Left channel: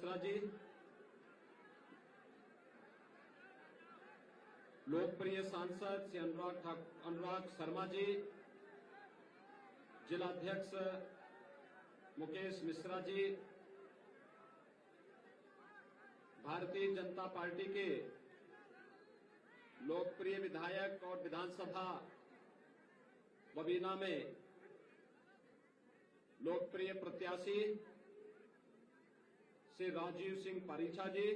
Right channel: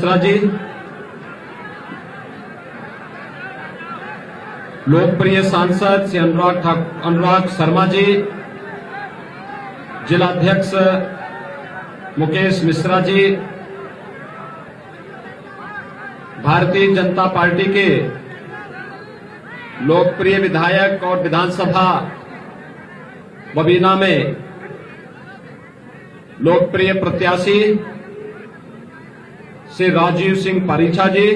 मिश्रा जी, लोकप्रिय सांसद श्री अनुराग शर्मा जी, जिलाध्यक्ष मुकेश मिश्रा जी, भारतीय जनता पार्टी के लोकप्रिय विधायक और विधानसभा बबीना में लोकप्रिय प्रत्याशी श्री राजीव सिंह पारीछा जी,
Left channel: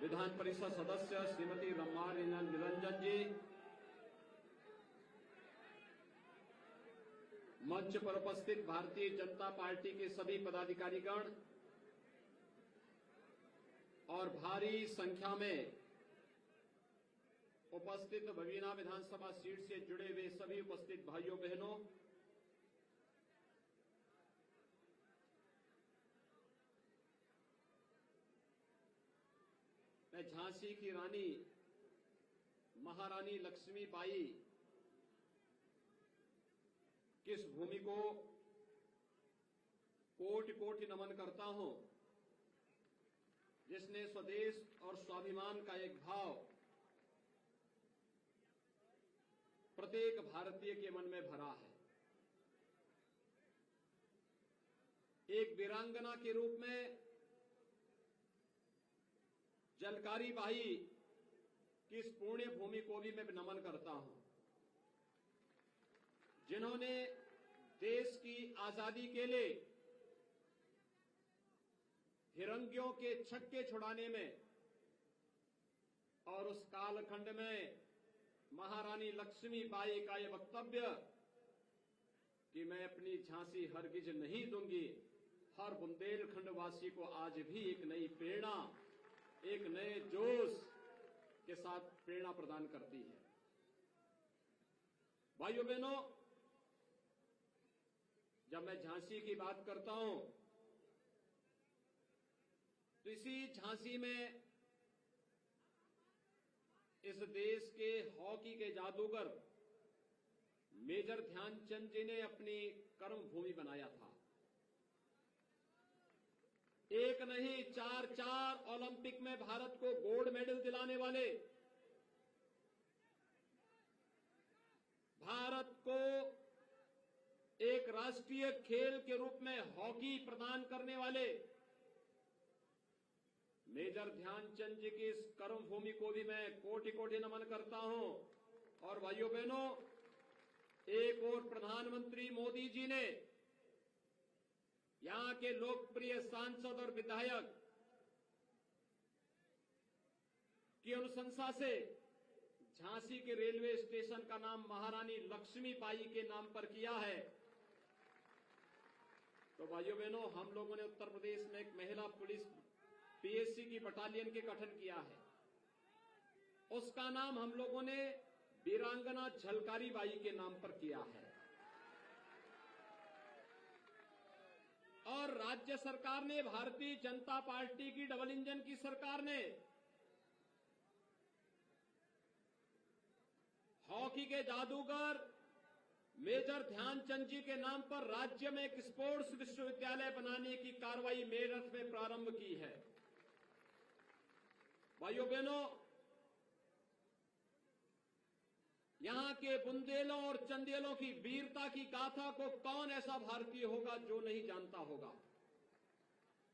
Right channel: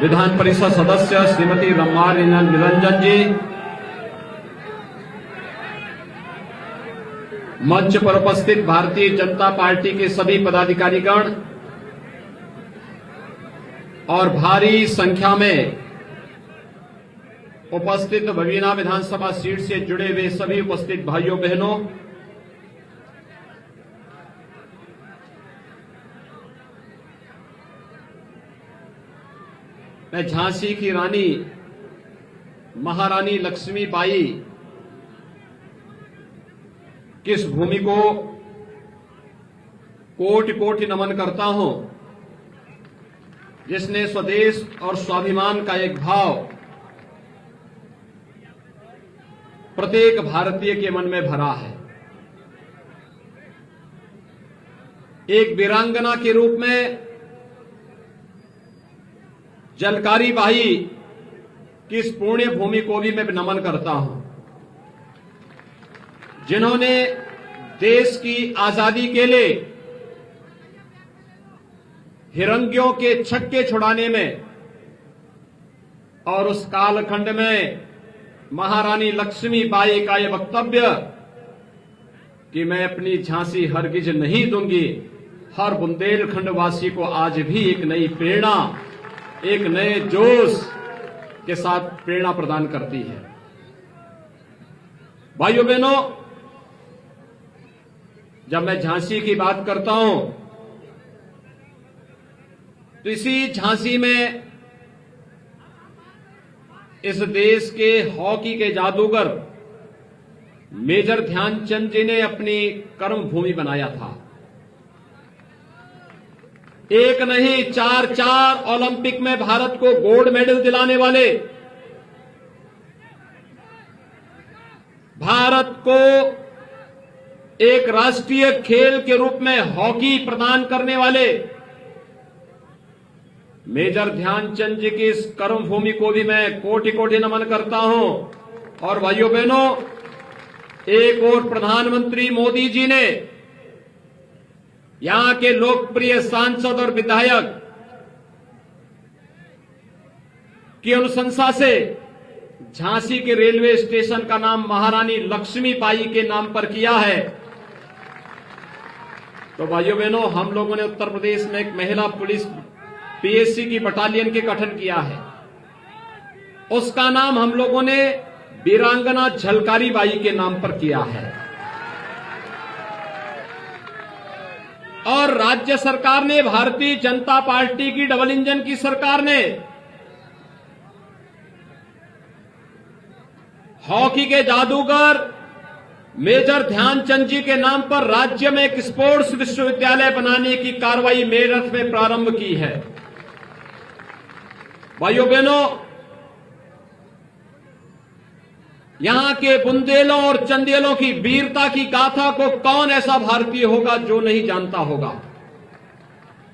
विधान परिषद सदस्य श्रीमती रमार निरंजन जी, मंच पर उपस्थित भारतीय जनता पार्टी के सभी पदाधिकारीगण और भारी संख्या में उपस्थित बबीना विधानसभा सीट से जुड़े हुए सभी उपस्थित भाइयों बहनों, मैं झांसी की रानी महारानी लक्ष्मीबाई की इस भूमि को कोटि कोटि नमन करता हूं, जिसने स्वदेश और स्वाभिमान का एक भाव प्रत्येक भारतीय के मन में भरा है। एक वीरांगना के रूप में जलकारी बाई की इस पुण्य भूमि को भी मैं नमन करता हूं, जिन्होंने देश की आजादी के लिए हिरंगियों के छक्के छुड़ाने में और उस कालखंड में महारानी लक्ष्मीबाई का यह वक्तव्य कि मैं अपनी झांसी हरगिज नहीं दूंगी, हर बुंदेलखंड वासी को आज भी एक नई प्रेरणा, एक नए जोश के साथ प्रेरणा प्रदान करती है। भाइयों बहनों, जब मैं झांसी की बात करता हूं तो इसी झांसी में इस देश के हॉकी के जादूगर मेजर ध्यानचंद जी ने अपनी कर्म भूमि बनाया था। एक नहीं, चार ओलंपिक में भारत को गोल्ड मेडल दिलाने वाले, भारत को एक राष्ट्रीय खेल के रूप में हॉकी प्रदान करने वाले मेजर ध्यानचंद जी की इस कर्म भूमि को भी मैं कोटि कोटि नमन करता हूं। और भाइयों बहनों, एक और प्रधानमंत्री मोदी जी ने यहां के लोकप्रिय सांसद और विधायक की अनुशंसा से झांसी के रेलवे स्टेशन का नाम महारानी लक्ष्मीबाई के नाम पर किया है। तो भाइयों बहनों, हम लोगों ने उत्तर प्रदेश में एक महिला पुलिस पीएससी की बटालियन के गठन किया है, उसका नाम हम लोगों ने वीरांगना झलकारी बाई के नाम पर किया है। और राज्य सरकार ने, भारतीय जनता पार्टी की डबल इंजन की सरकार ने हॉकी के जादूगर मेजर ध्यानचंद जी के नाम पर राज्य में एक स्पोर्ट्स विश्वविद्यालय बनाने की कार्रवाई मेरठ में प्रारंभ की है। भाइयों बहनों, यहां के बुंदेलों और चंदेलों की वीरता की गाथा को कौन ऐसा भारतीय होगा जो नहीं जानता होगा।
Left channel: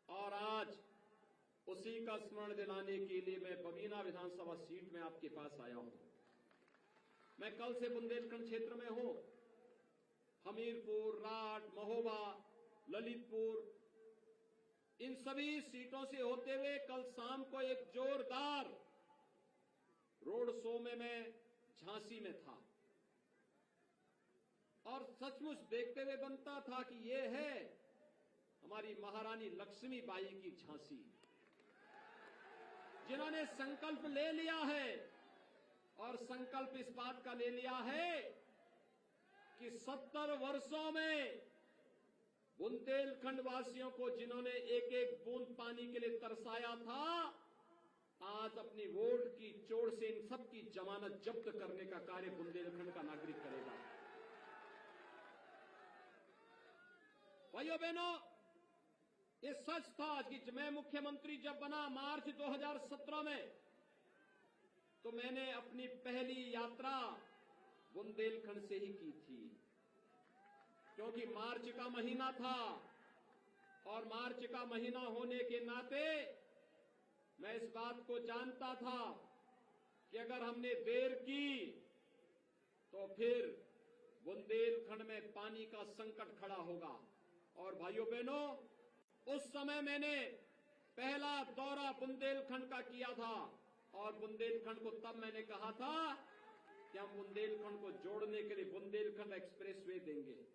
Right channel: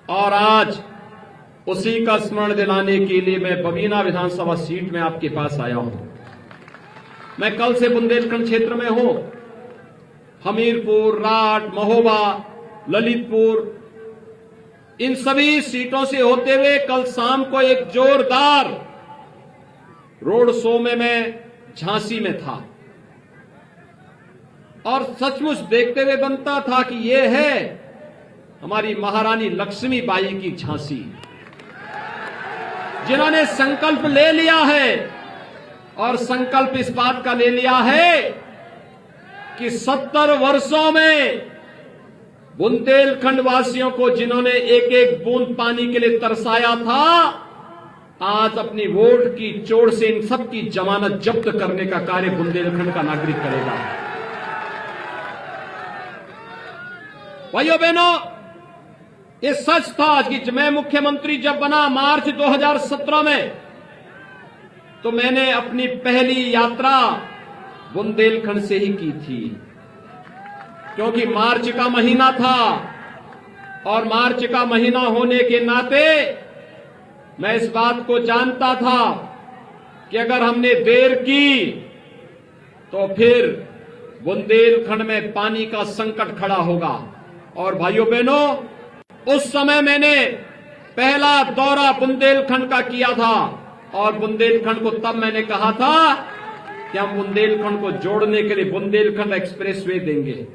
और आज उसी का स्मरण दिलाने के लिए मैं बबीना विधानसभा सीट में आपके पास आया हूं। मैं कल से बुंदेलखंड क्षेत्र में हूं। हमीरपुर, राट, महोबा, ललितपुर, इन सभी सीटों से होते हुए कल शाम को एक जोरदार रोड शो में मैं झांसी में था। और सचमुच देखते हुए बनता था कि ये है हमारी महारानी लक्ष्मीबाई की झांसी, जिन्होंने संकल्प ले लिया है। और संकल्प इस बात का ले लिया है कि 70 वर्षों में बुंदेलखंड वासियों को जिन्होंने एक एक बूंद पानी के लिए तरसाया था, आज अपनी वोट की चोट से इन सबकी जमानत जब्त करने का कार्य बुंदेलखंड का नागरिक करेगा। भाइयों बहनों, ये सच था कि मैं मुख्यमंत्री जब बना मार्च 2017 में, तो मैंने अपनी पहली यात्रा बुंदेलखंड से ही की थी, क्योंकि मार्च का महीना था और मार्च का महीना होने के नाते मैं इस बात को जानता था कि अगर हमने देर की तो फिर बुंदेलखंड में पानी का संकट खड़ा होगा। और भाइयों बहनों, उस समय मैंने पहला दौरा बुंदेलखंड का किया था और बुंदेलखंड को तब मैंने कहा था कि हम बुंदेलखंड को जोड़ने के लिए बुंदेलखंड एक्सप्रेसवे देंगे।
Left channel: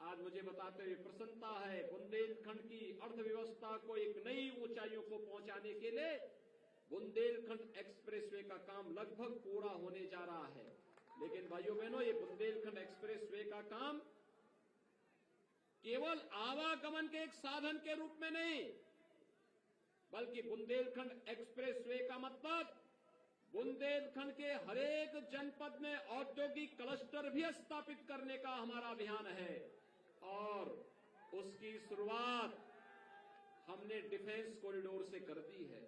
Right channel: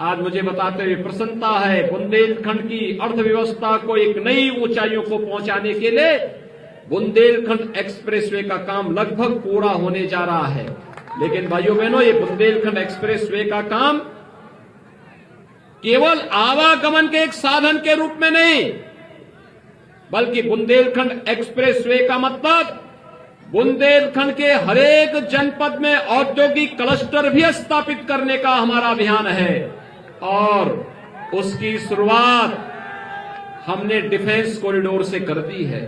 आज मुझे बताते हुए प्रसन्नता है, बुंदेलखंड की अर्थव्यवस्था को एक नई ऊंचाइयों को पहुंचाने के लिए बुंदेलखंड एक्सप्रेसवे का काम लगभग पूरा होने जा रहा है। लेकिन भाइयों बहनों, ये बुंदेलखंड एक्सप्रेसवे का काम केवल आवागमन के एक साधन के रूप में नहीं, बल्कि बुंदेलखंड एक्सप्रेसवे का मतलब बुंदेलखंड के हरेक जनपद में औद्योगिक क्लस्टर भी स्थापित करने का हमारा अभियान है। और उसकी शुरुआत हमने डिफेंस कॉरिडोर से कर दी है।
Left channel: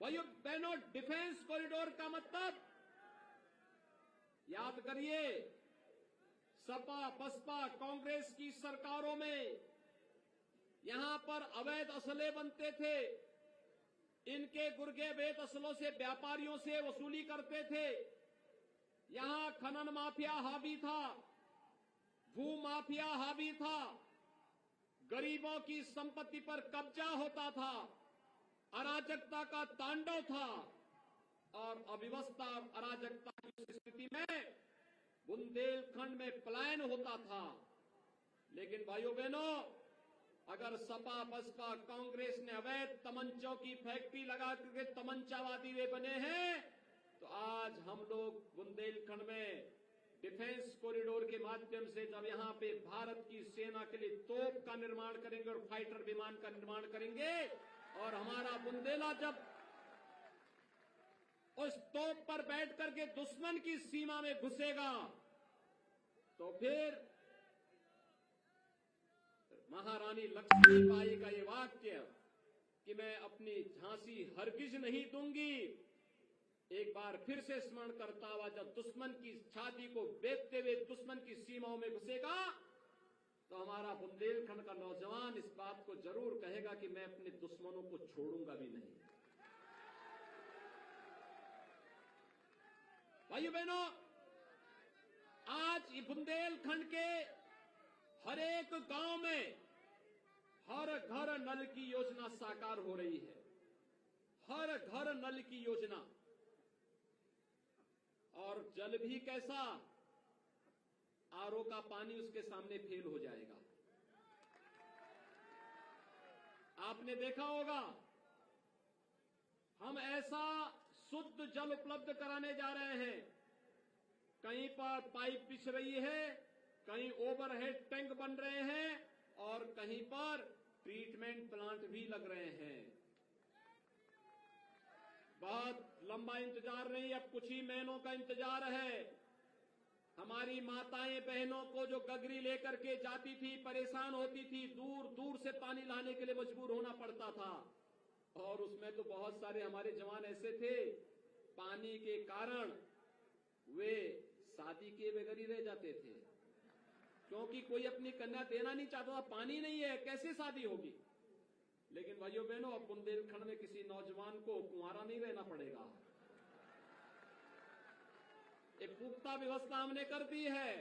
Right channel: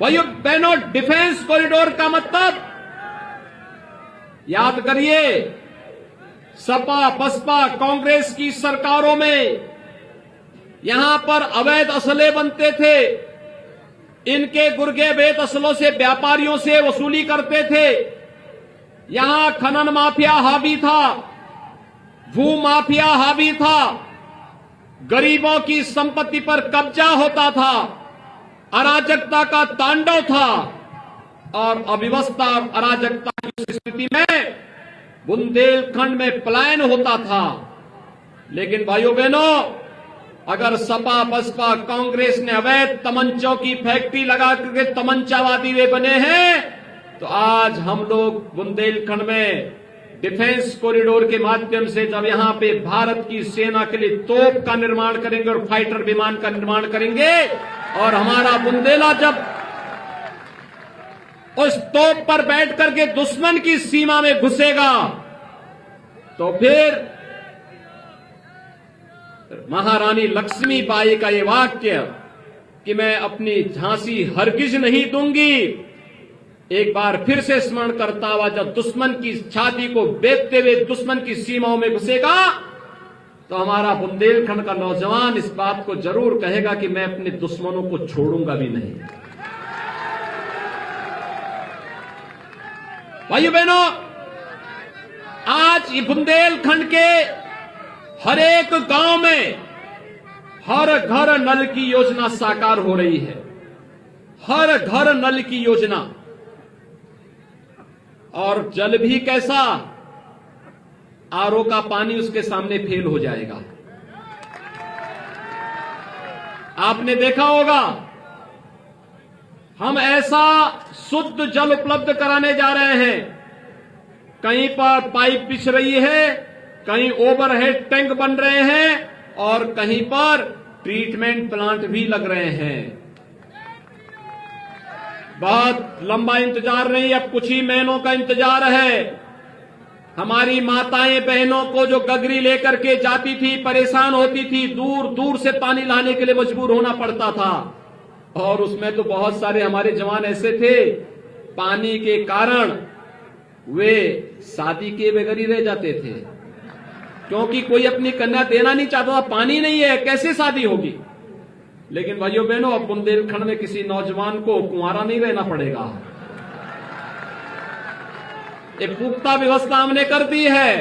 भाइयों बहनों, डिफेंस कॉरिडोर का मतलब याद करिए, सपा बसपा कांग्रेस की सरकारों में यहां पर अवैध असले बनते थे, इनके गुर्गे बेत असलों से व्यापारियों से वसूली करते थे। यहां खनन माफिया हावी था, भू माफिया हावी था, गरीबों की संपत्ति पर कब्जा होता था, अराजकता का तांडव था और अव्यवस्था और अराजकता की स्थिति में बुंदेलखंड में पलायन होता था। लेकिन भाइयों बहनों, अगर सपा बसपा कांग्रेस ने अवैध तमंचों की फैक्ट्री लगा करके तमंचावादी वे बने हैं, तो आज हम लोग बुंदेलखंड में डिफेंस कॉरिडोर के माध्यम से जब यहां पे भारत की सेना के लिए तोप का निर्माण करेंगे और फाइटर विमान का निर्माण करेंगे, और हमारा बुंदेला जब उस तोप पर बैठ करके दुश्मन की सीमा में घुसेगा, तो फिर महारानी लक्ष्मीबाई का ये वाक्य कि मैं अपनी झांसी हरगिज नहीं दूंगी, एक बार फिर से स्मरण करता हुआ जब दुश्मन की छाती को बेचते हुए दुश्मन की सीमाओं में घुसेगा, तो हमारा बुंदेलखंड का नौजवान इस बात को जरूर कहेगा कि मैं अपने दुश्मनों को छोड़ूंगा भी नहीं। भाइयों बहनों, आज ये बुंदेलखंड के हर एक गांव में हर घर नल की योजना साकार हो रही है। हर घर नल की योजना। और जल भी कैसा, आरओ का पानी उसके सामने फेल हो जाएगा। आपने देखा होगा, हम ऐसा शुद्ध जल उपलब्ध कराने जा रहे हैं, कहीं पर पाइप बिछ रही है, कहीं ओवरहेड टैंक बन रहे हैं और कहीं पर ट्रीटमेंट प्लांट भी लग रहे हैं। बहुत लंबा इंतजार नहीं, अब कुछ ही महीनों का इंतजार है। हमारी माताएं बहनों को जो गगरी लेकर के जाती थी, परेशान होती थी, दूर दूर से पानी लाने के लिए मजबूर होना पड़ता था। और उसमें तो बहुत सारे हमारे जवान ऐसे थे, पानी के कारण वे शादी के बगैर ही रह जाते थे, क्योंकि कोई अपनी कन्या देना नहीं चाहता था, पानी नहीं है, कैसे शादी होगी। लेकिन भाइयों बहनों, अब बुंदेलखंड में किसी नौजवान को कुंवारा नहीं रहना पड़ेगा। एक पुख्ता व्यवस्था हमने कर दी है।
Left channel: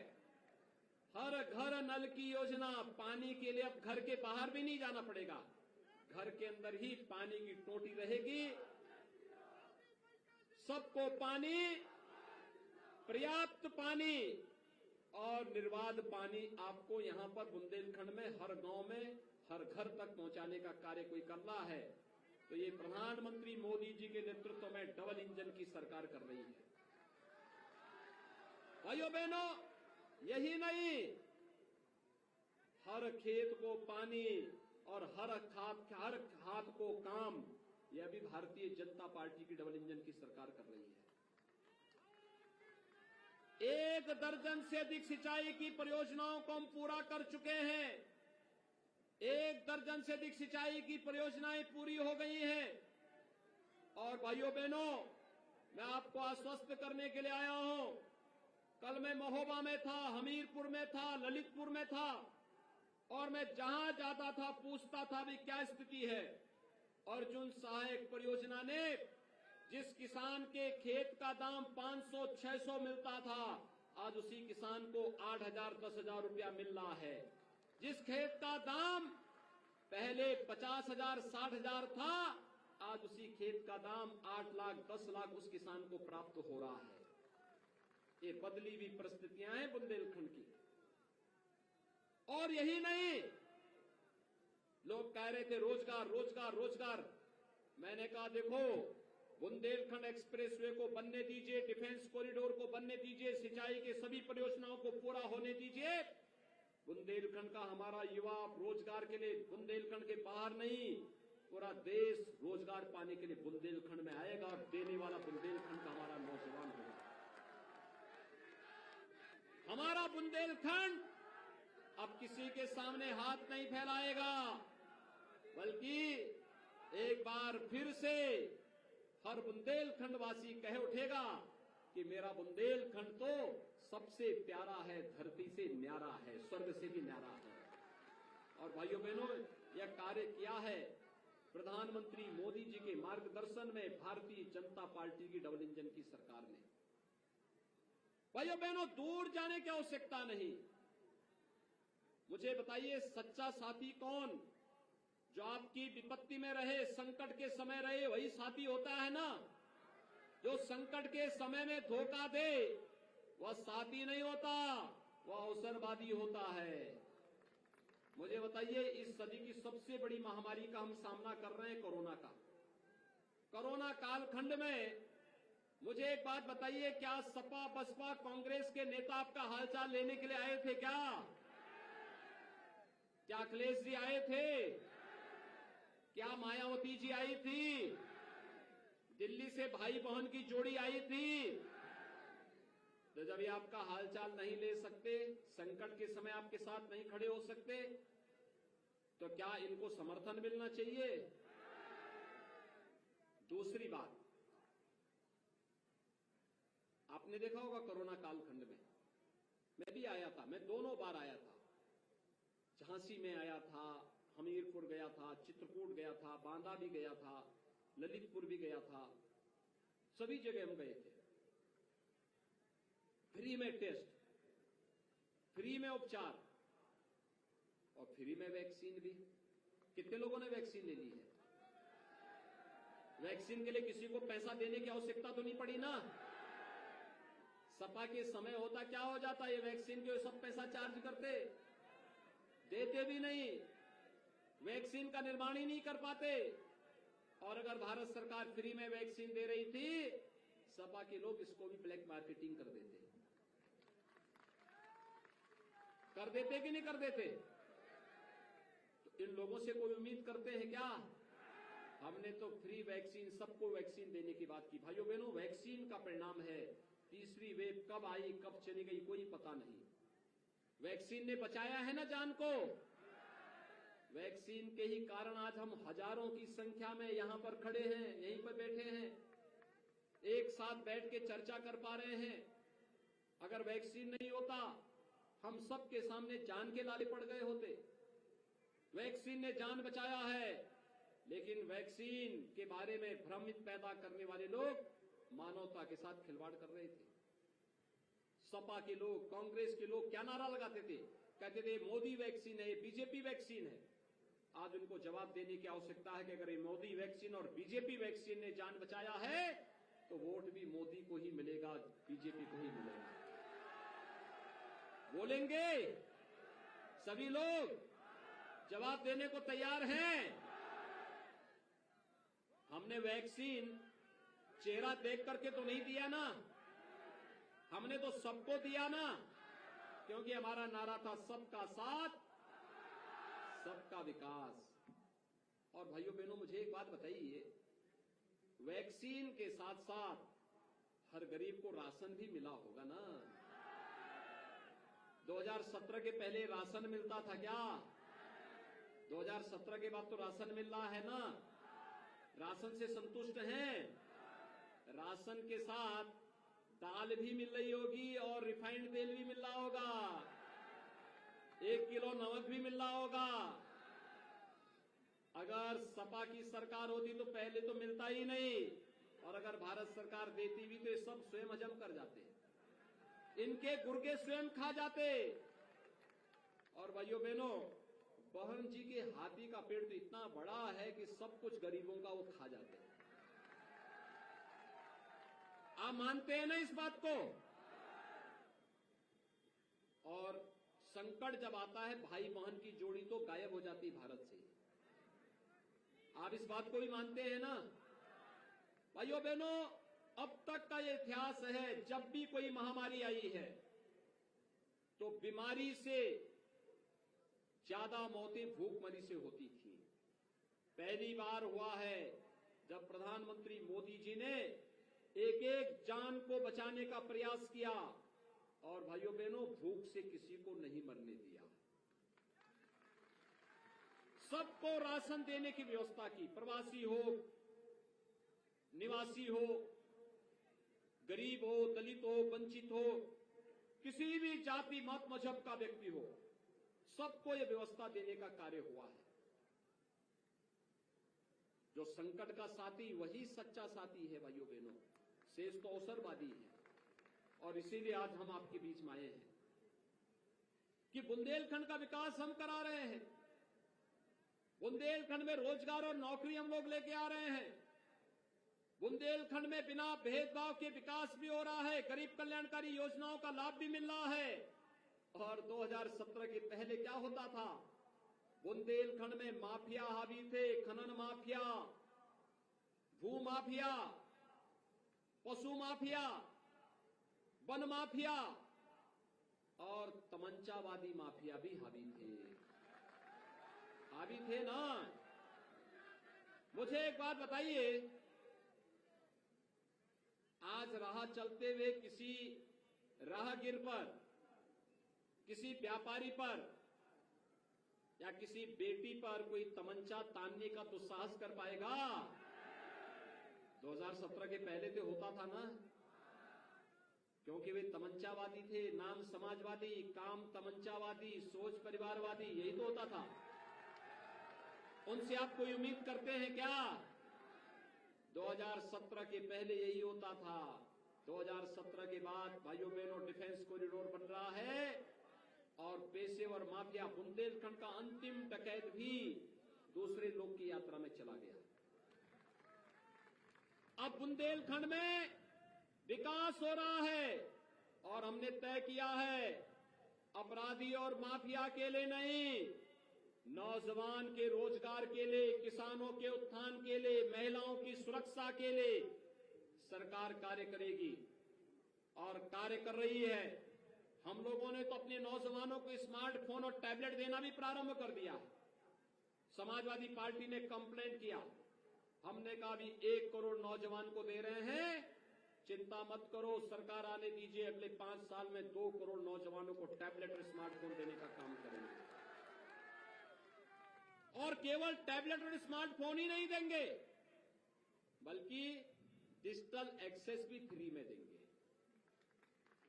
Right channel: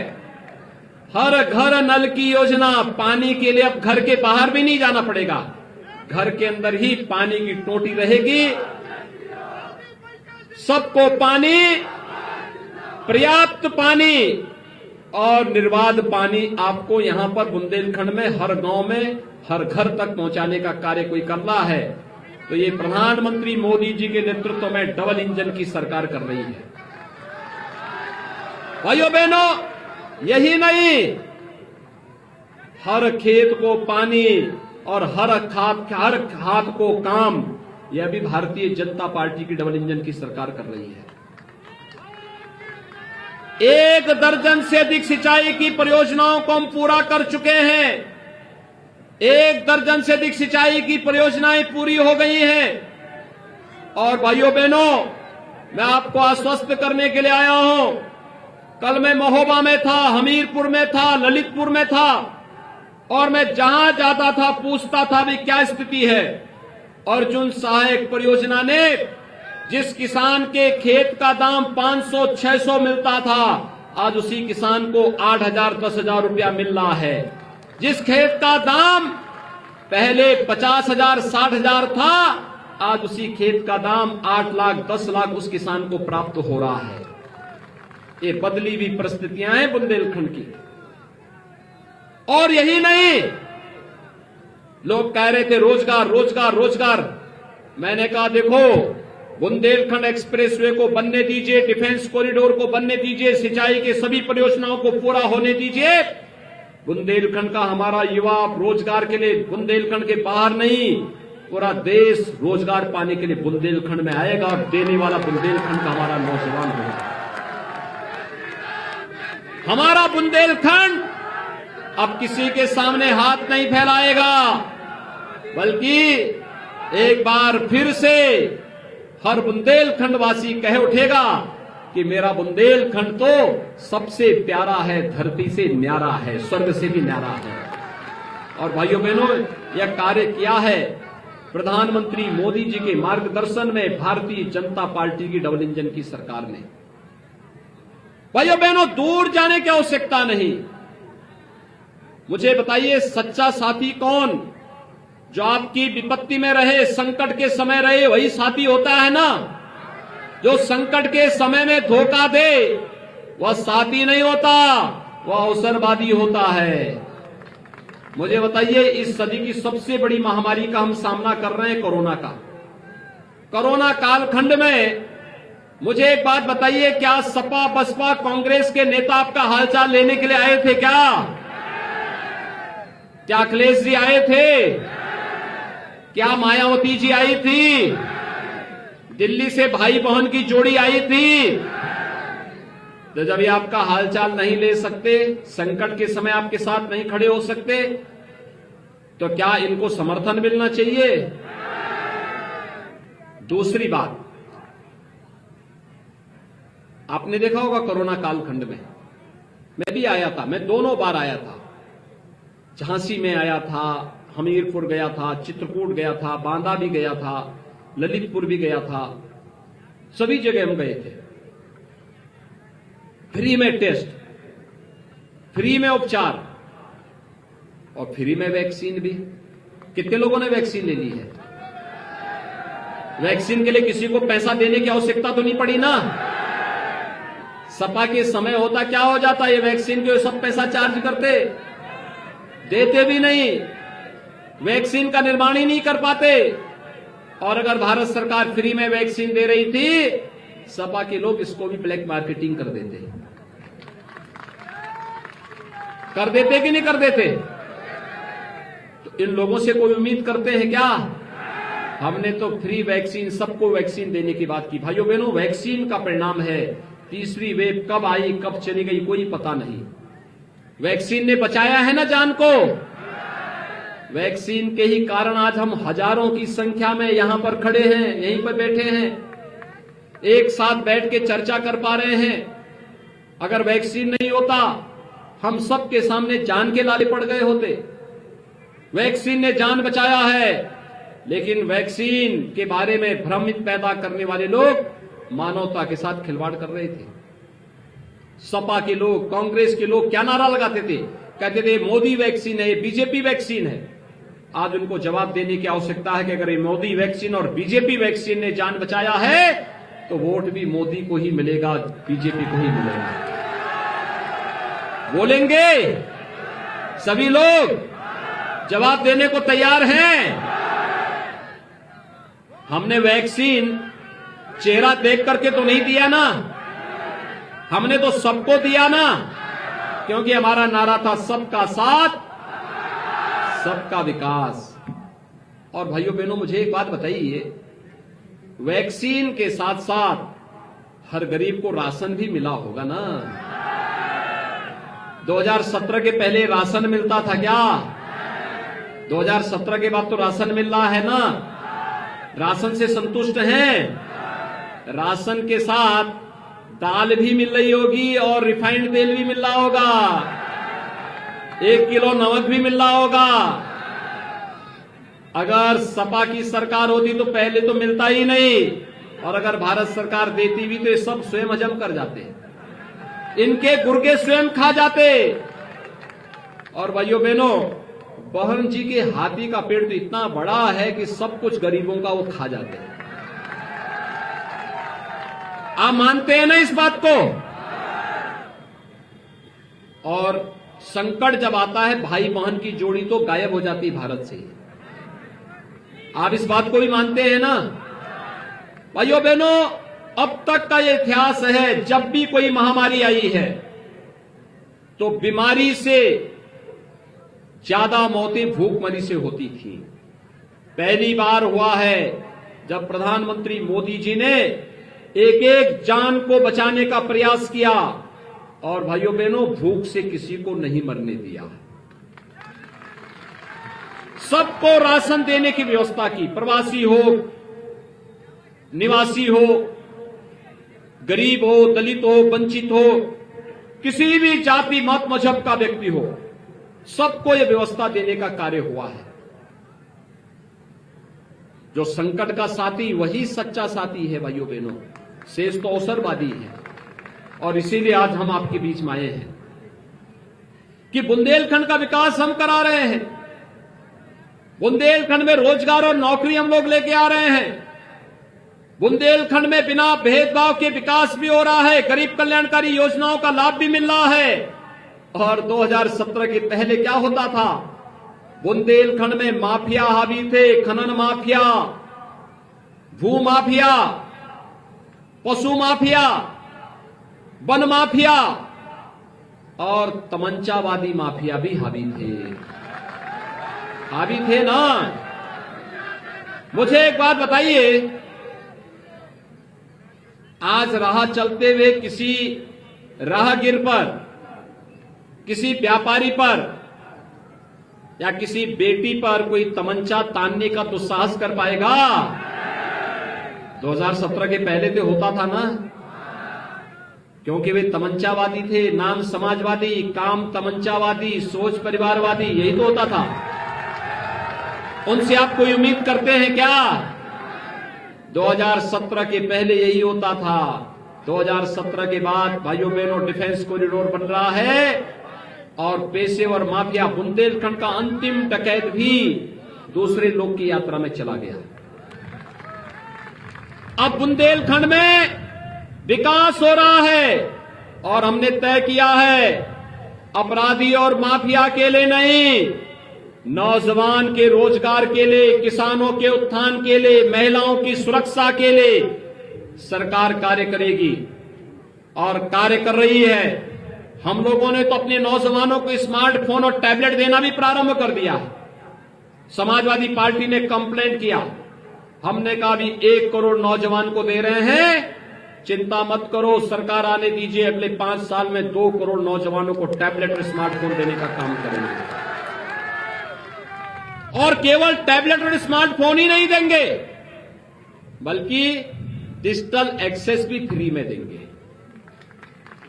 हर घर नल की योजना, पानी के लिए अब घर के बाहर भी नहीं जाना पड़ेगा, घर के अंदर ही पानी की टोटी रहेगी। सबको पानी, पर्याप्त पानी और निर्बाध पानी आपको यहां पर बुंदेलखंड में हर गांव में हर घर तक पहुंचाने का कार्य कोई कर रहा है। तो ये प्रधानमंत्री मोदी जी के नेतृत्व में डबल इंजन की सरकार कर रही है। भाइयों बहनों, यही नहीं, हर खेत को पानी और हर खाद को काम, यह भी भारतीय जनता पार्टी की डबल इंजन की सरकार कर रही है। 1 दर्जन से अधिक सिंचाई की परियोजनाओं को हम पूरा कर चुके हैं। 1 दर्जन से अधिक सिंचाई की परियोजनाएं पूरी हो गई हैं। और भाइयों बहनों, मैं आपको आश्वस्त करने के लिए आया हूं। कल मैं महोबा में था, हमीरपुर में था, ललितपुर में था, और मैं जहां जाता था पूछता था भी क्या स्थिति है। अर्जुन सहायक परियोजना ने जिस किसान के खेत का दाम 500-600 मिलता था, आज उसी किसान को 8,000-10,000 रुपया मिल रहा है। जिस खेत का दाम पहले 50,000-60,000 था, आज उसी खेत का दाम 8 लाख 10 लाख उस किसान को प्राप्त हो रहा है। ये बदली हुई परिस्थितियां हैं बुंदेलखंड की। और यही नहीं, लोग कह रहे थे रोजगार रोजगार रोजगार। मैंने कहा देखो, बुंदेलखंड एक्सप्रेसवे को बनने दीजिए, डिफेंस कॉरिडोर को बनने दीजिए, सिंचाई के सभी परियोजनाओं को पूरा होने दीजिए। बुंदेलखंड का हमारा युवा रोजगार के लिए बुंदेलखंड के बाहर नहीं, पूरा देश रोजगार पाने के लिए बुंदेलखंड में आएगा, और देने वाला बुंदेलखंड का हमारा नौजवान होगा। हमारा बुंदेलखंड अब किसी के सामने हाथ नहीं फैलाएगा, बल्कि एक बार फिर से हर बुंदेलखंड वासी कह उठेगा कि मेरा बुंदेलखंड तो सबसे प्यारा है, धरती से न्यारा है, स्वर्ग से भी न्यारा है। और भाइयों बहनों, यह कार्य किया है प्रधानमंत्री मोदी जी के मार्गदर्शन में भारतीय जनता पार्टी की डबल इंजन की सरकार ने। भाइयों बहनों, दूर जाने की आवश्यकता नहीं। मुझे बताइए, सच्चा साथी कौन? जो आपकी विपत्ति में रहे, संकट के समय रहे, वही साथी होता है ना। जो संकट के समय में धोखा दे वह साथी नहीं होता, वह अवसरवादी होता है। मुझे बताइए, इस सदी की सबसे बड़ी महामारी का हम सामना कर रहे हैं, कोरोना का। कोरोना कालखंड में मुझे एक बात बताइए, क्या सपा बसपा कांग्रेस के नेता आपका हालचाल लेने के लिए आए थे? क्या अखिलेश जी आए थे? क्या मायावती जी आई थी? दिल्ली से भाई बहन की जोड़ी आई थी? तो जब ये आपका हालचाल नहीं ले सकते, संकट के समय आपके साथ नहीं खड़े हो सकते, तो क्या इनको समर्थन मिलना चाहिए? दूसरी बात, आपने देखा होगा कोरोना कालखंड में मैं भी आया था, मैं दोनों बार आया था। झांसी में आया था, हमीरपुर गया था, चित्रकूट गया था, बांदा भी गया था, ललितपुर भी गया था, सभी जगह हम गए थे। फ्री में टेस्ट, फ्री में उपचार और फ्री में वैक्सीन भी। कितने लोगों ने वैक्सीन ले ली है? वैक्सीन के लिए किसी को पैसा देने की आवश्यकता तो नहीं पड़ी ना। सपा के समय होता क्या हो जाता, ये वैक्सीन के सब पैसा चार्ज करते, देते भी नहीं, वैक्सीन का निर्माण ही नहीं कर पाते। और अगर भारत सरकार फ्री में वैक्सीन दे रही थी, सपा के लोग इसको भी ब्लैक मार्केटिंग कर देते कि नहीं कर देते? तो इन लोगों से कोई उम्मीद करते हैं क्या? हमने तो फ्री वैक्सीन, सबको वैक्सीन देने की बात की। भाइयों बहनों, वैक्सीन का परिणाम है, तीसरी वेव कब आई कब चली गई कोई पता नहीं। वैक्सीन ने बचाया है ना जान को। वैक्सीन के ही कारण आज हम हजारों की संख्या में यहां पर खड़े हैं, यहीं पर बैठे हैं, एक साथ बैठ के चर्चा कर पा रहे हैं। अगर वैक्सीन नहीं होता, हम सब के सामने जान के लाले पड़ गए होते। वैक्सीन ने जान बचाया है, लेकिन वैक्सीन के बारे में भ्रमित पैदा करने वाले लोग मानवता के साथ खिलवाड़ कर रहे थे। सपा के लोग, कांग्रेस के लोग क्या नारा लगाते थे? कहते थे मोदी वैक्सीन है, बीजेपी वैक्सीन है। आज उनको जवाब देने की आवश्यकता है कि अगर ये मोदी वैक्सीन और बीजेपी वैक्सीन ने जान बचाया है, तो वोट भी मोदी को ही मिलेगा, बीजेपी को ही मिलेगा। बोलेंगे सभी लोग, जवाब देने को तैयार हैं। हमने वैक्सीन चेहरा देख करके तो नहीं दिया ना, हमने तो सबको दिया ना, क्योंकि हमारा नारा था सबका साथ सबका विकास। और भाइयों बहनों, मुझे एक बात बताइए, वैक्सीन के साथ साथ हर गरीब को राशन भी मिला होगा ना। 2017 के पहले राशन मिलता था क्या? 2017 के बाद तो राशन मिल रहा है ना? राशन से संतुष्ट हैं? राशन के साथ दाल भी मिल रही होगी और रिफाइंड तेल भी मिल रहा होगा, 1 किलो नमक भी मिल रहा होगा। अगर सपा की सरकार होती तो पहले तो मिलता ही नहीं, और अगर भारत सरकार देती भी तो ये सब स्वयं हजम कर जाते, इनके गुर्गे स्वयं खा जाते। और भाइयों बहनों, बहन जी के हाथी का पेड़ तो इतना बड़ा है कि सब कुछ गरीबों का वो खा जाते हैं। आप मानते हैं ना इस बात को? और संकट जब आता है भाई बहन की जोड़ी तो गायब हो जाती है भारत से। आप इस बात को भी मानते हैं ना? भाइयों बहनों, अब तक का ये इतिहास है, जब भी कोई महामारी आई है तो बीमारी से ज्यादा मौतें भूखमरी से होती थी। पहली बार हुआ है जब प्रधानमंत्री मोदी जी ने एक एक जान को बचाने का प्रयास किया और भाइयों बहनों भूख से किसी को नहीं मरने दिया, सबको राशन देने की व्यवस्था की। प्रवासी हो, निवासी हो, गरीब हो, दलित हो, वंचित हो, किसी भी जाति मत मजहब का व्यक्ति हो, सबको यह व्यवस्था देने का कार्य हुआ है। जो संकट का साथी वही सच्चा साथी है भाइयों बहनों, शेष तो अवसरवादी है। और इसीलिए आज हम आपके बीच में आए हैं कि बुंदेलखंड का विकास हम करा रहे हैं। बुंदेलखंड में रोजगार और नौकरी हम लोग लेके आ रहे हैं। बुंदेलखंड में बिना भेदभाव के विकास भी हो रहा है, गरीब कल्याणकारी योजनाओं का लाभ भी मिल रहा है। और 2017 के पहले क्या होता था? बुंदेलखंड में माफिया हावी थे, खनन माफिया, भू माफिया, पशु माफिया, वन माफिया और तमंचावादी माफिया भी हावी थे ना? मुझे एक बात बताइए, आज राह चलते हुए किसी राहगीर पर, किसी व्यापारी पर या किसी बेटी पर कोई तमंचा तानने का दुस्साहस कर पाएगा? 2017 के पहले तो होता था ना, क्योंकि वे तमंचावादी थे, नाम समाजवादी, काम तमंचावादी, सोच परिवारवादी, यही तो होता था। उनसे आप कोई उम्मीद करते हैं क्या? 2017 के पहले यही होता था। 2017 के बाद भाइयों बहनों डिफेंस कॉरिडोर बन रहा है और पेशेवर माफिया बुंदेलखंड का अंतिम डकैत भी दूसरे लोग की यात्रा में चला गया। अब बुंदेलखंड में विकास हो रहा है और हमने तय किया है अपराधी और माफिया के लिए नहीं, नौजवान के रोजगार के लिए, किसानों के उत्थान के लिए, महिलाओं की सुरक्षा के लिए सरकार कार्य करेगी और कार्य कर रही है। हम लोगों ने तो अपने नौजवानों को स्मार्टफोन और टैबलेट देना भी प्रारंभ कर दिया है। समाजवादी पार्टी ने कंप्लेंट किया, हमने कहा भी 1 करोड़ नौजवान को दे रहे हैं, चिंता मत करो, सरकार आने दीजिए, अगले 5 साल में 2 करोड़ नौजवानों को टैबलेट और स्मार्टफोन देने का काम करेंगे। और केवल टैबलेट और स्मार्टफोन ही नहीं देंगे, बल्कि डिजिटल एक्सेस भी फ्री में देंगे।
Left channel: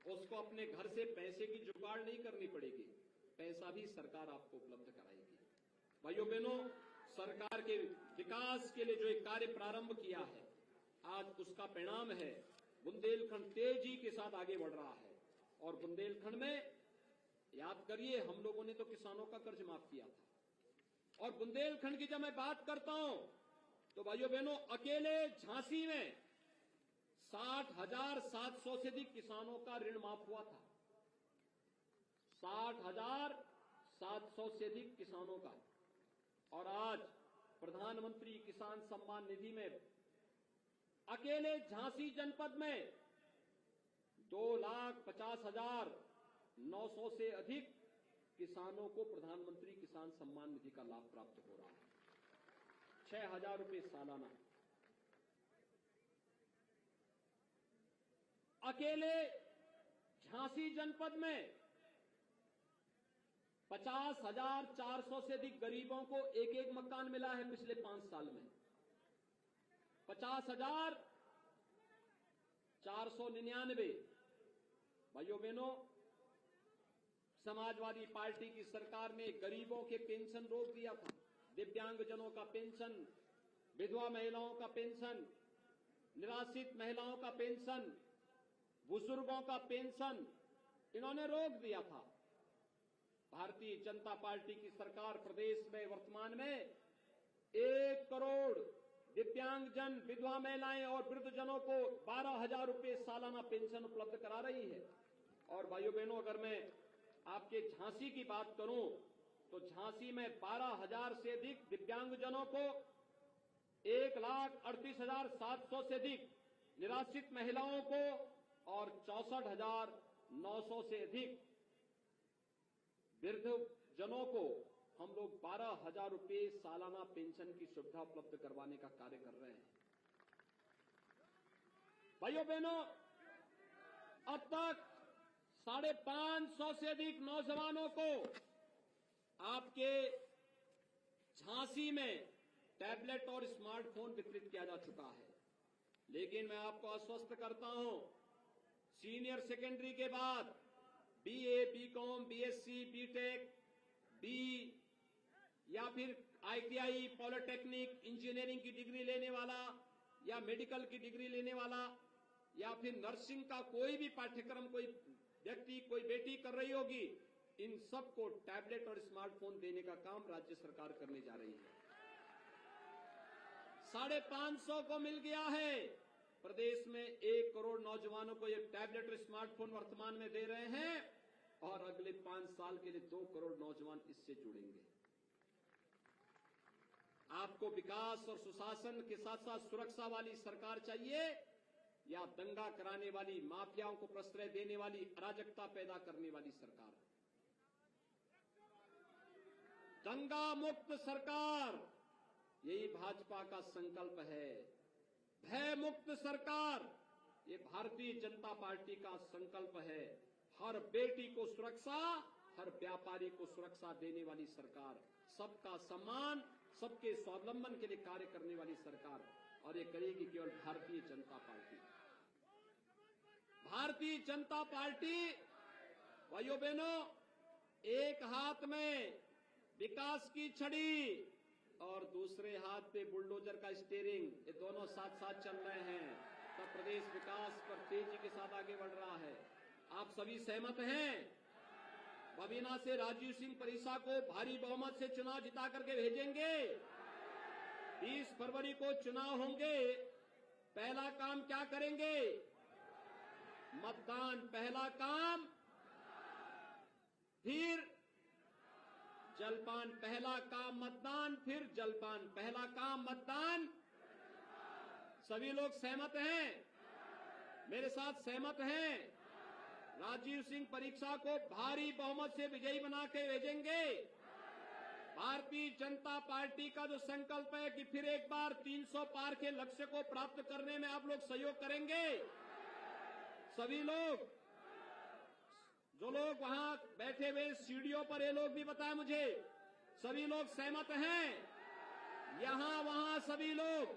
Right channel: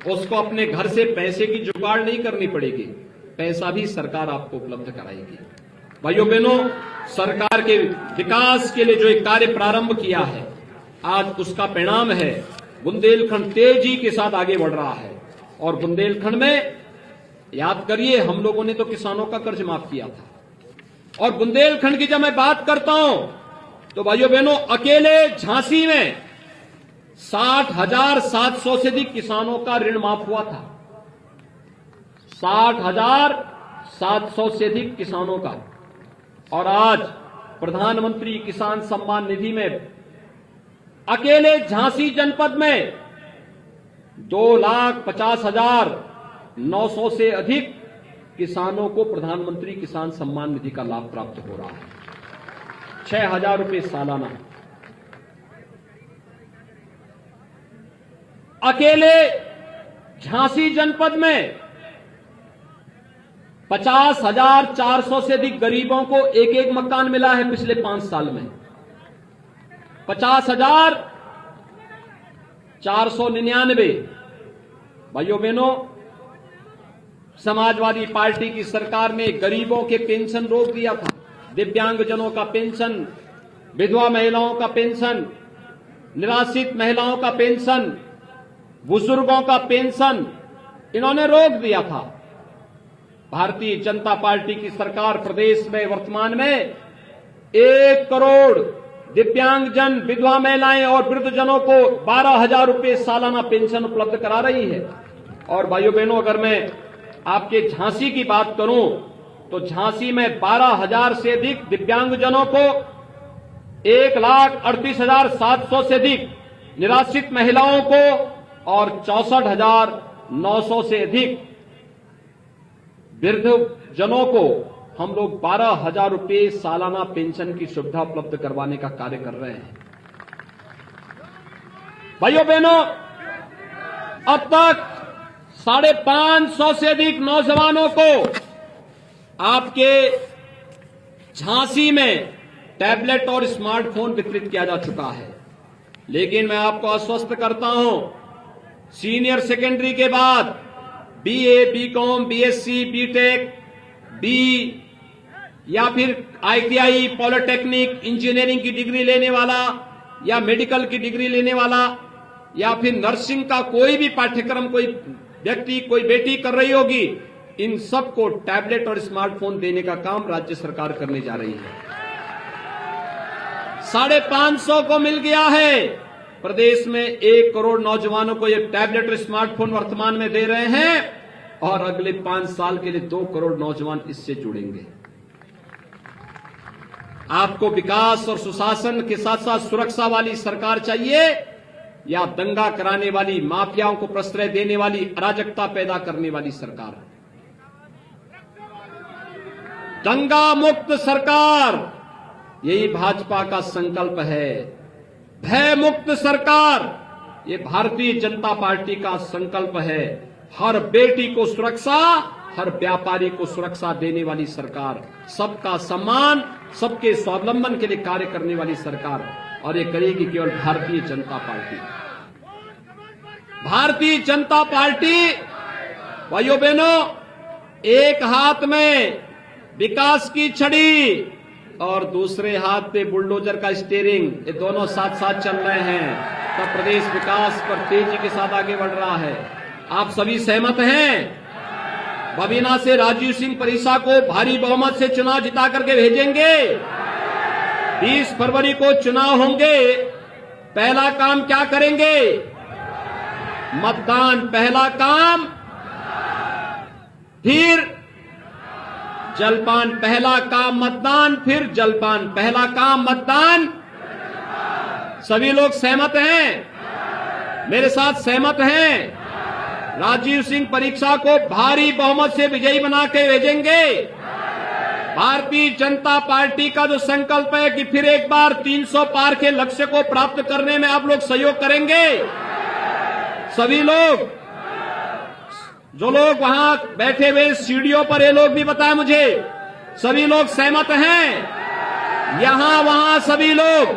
उसको अपने घर से पैसे की जुगाड़ नहीं करनी पड़ेगी, पैसा भी सरकार आपको उपलब्ध कराएगी। भाइयों बहनों, सरकार के विकास के लिए जो एक कार्य प्रारंभ किया है, आज उसका परिणाम है बुंदेलखंड तेजी के साथ आगे बढ़ रहा है। और बुंदेलखंड में याद करिए, हम लोगों ने तो किसानों का कर्ज माफ किया था। और बुंदेलखंड की जब मैं बात करता हूं तो भाइयों बहनों, अकेले झांसी में 60,700 से अधिक किसानों का ऋण माफ हुआ था। 60,700 से अधिक किसानों का। और आज प्रधानमंत्री किसान सम्मान निधि में अकेले झांसी जनपद में 2,50,900 से अधिक किसानों को प्रधानमंत्री किसान सम्मान निधि का लाभ प्राप्त हो रहा है। 6,000 रुपए सालाना। अकेले झांसी जनपद में 50,400 से अधिक गरीबों को एक एक मकान मिला है पिछले 5 साल में। 50,499। भाइयों बहनों, समाजवादी पार्टी की सरकार ने गरीबों के पेंशन रोक दिया था। दिव्यांगजनों का पेंशन, विधवा महिलाओं का पेंशन, निराश्रित महिलाओं का पेंशन, बुजुर्गों का पेंशन इन्होंने रोक दिया था। भारतीय जनता पार्टी की सरकार प्रदेश में वर्तमान में 1 करोड़ दिव्यांगजन, विधवा महिलाएं और वृद्धजनों को 12,000 रुपये सालाना पेंशन उपलब्ध करा रही है। और भाइयों बहनों, अगर मैं आपके झांसी की बात करूं तो झांसी में 12,000 से अधिक दिव्यांगजनों को, 1,38,700 से अधिक निराश्रित महिलाओं को और 64,900 से अधिक वृद्धजनों को हम लोग 12,000 रुपये सालाना पेंशन की सुविधा उपलब्ध करवाने का कार्य कर रहे हैं। भाइयों बहनों, अब तक 550 से अधिक नौजवानों को आपके झांसी में टैबलेट और स्मार्टफोन वितरित किया जा चुका है। लेकिन मैं आपको आश्वस्त करता हूं, सीनियर सेकेंडरी के बाद BA, BCom, BSc, BTech, B या फिर आईटीआई, पॉलिटेक्निक, इंजीनियरिंग की डिग्री लेने वाला या मेडिकल की डिग्री लेने वाला या फिर नर्सिंग का कोई भी पाठ्यक्रम कोई व्यक्ति, कोई बेटी कर रही होगी, इन सबको टैबलेट और स्मार्टफोन देने का काम राज्य सरकार करने जा रही है। 550 को मिल गया है। प्रदेश में 1 करोड़ नौजवानों को ये टैबलेट और स्मार्टफोन वर्तमान में दे रहे हैं और अगले 5 साल के लिए 2 करोड़ नौजवान इससे जुड़ेंगे। आपको विकास और सुशासन के साथ साथ सुरक्षा वाली सरकार चाहिए या दंगा कराने वाली, माफियाओं को प्रश्रय देने वाली, अराजकता पैदा करने वाली सरकार? दंगा मुक्त सरकार, यही भाजपा का संकल्प है। भय मुक्त सरकार, ये भारतीय जनता पार्टी का संकल्प है। हर बेटी को सुरक्षा, हर व्यापारी को सुरक्षा देने वाली सरकार, सबका सम्मान, सबके स्वावलंबन के लिए कार्य करने वाली सरकार, और ये करेगी केवल भारतीय जनता पार्टी। भारतीय जनता पार्टी, भाइयों बहनों, एक हाथ में विकास की छड़ी और दूसरे हाथ पे बुलडोजर का स्टीयरिंग, ये दोनों साथ साथ चल रहे हैं, तब प्रदेश विकास पर तेजी के साथ आगे बढ़ रहा है। आप सभी सहमत हैं? बबीना से राजीव सिंह परिसा को भारी बहुमत से चुनाव जिता करके भेजेंगे। 20 फरवरी को चुनाव होंगे। पहला काम क्या करेंगे? मतदान पहला काम, फिर जलपान। पहला काम मतदान, फिर जलपान। पहला काम मतदान। सभी लोग सहमत हैं? मेरे साथ सहमत हैं? राजीव सिंह परीक्षा को भारी बहुमत से विजयी बना के भेजेंगे। भारतीय जनता पार्टी का जो संकल्प है कि फिर एक बार 300 पार के लक्ष्य को प्राप्त करने में आप लोग सहयोग करेंगे। सभी लोग, जो लोग वहां बैठे हुए सीढ़ियों पर, ये लोग भी बताएं मुझे, सभी लोग सहमत हैं? यहां वहां सभी लोग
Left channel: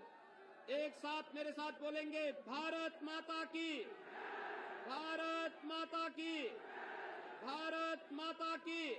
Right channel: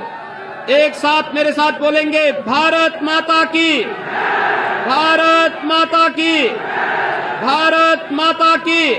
एक साथ मेरे साथ बोलेंगे, भारत माता की, भारत माता की, भारत माता की।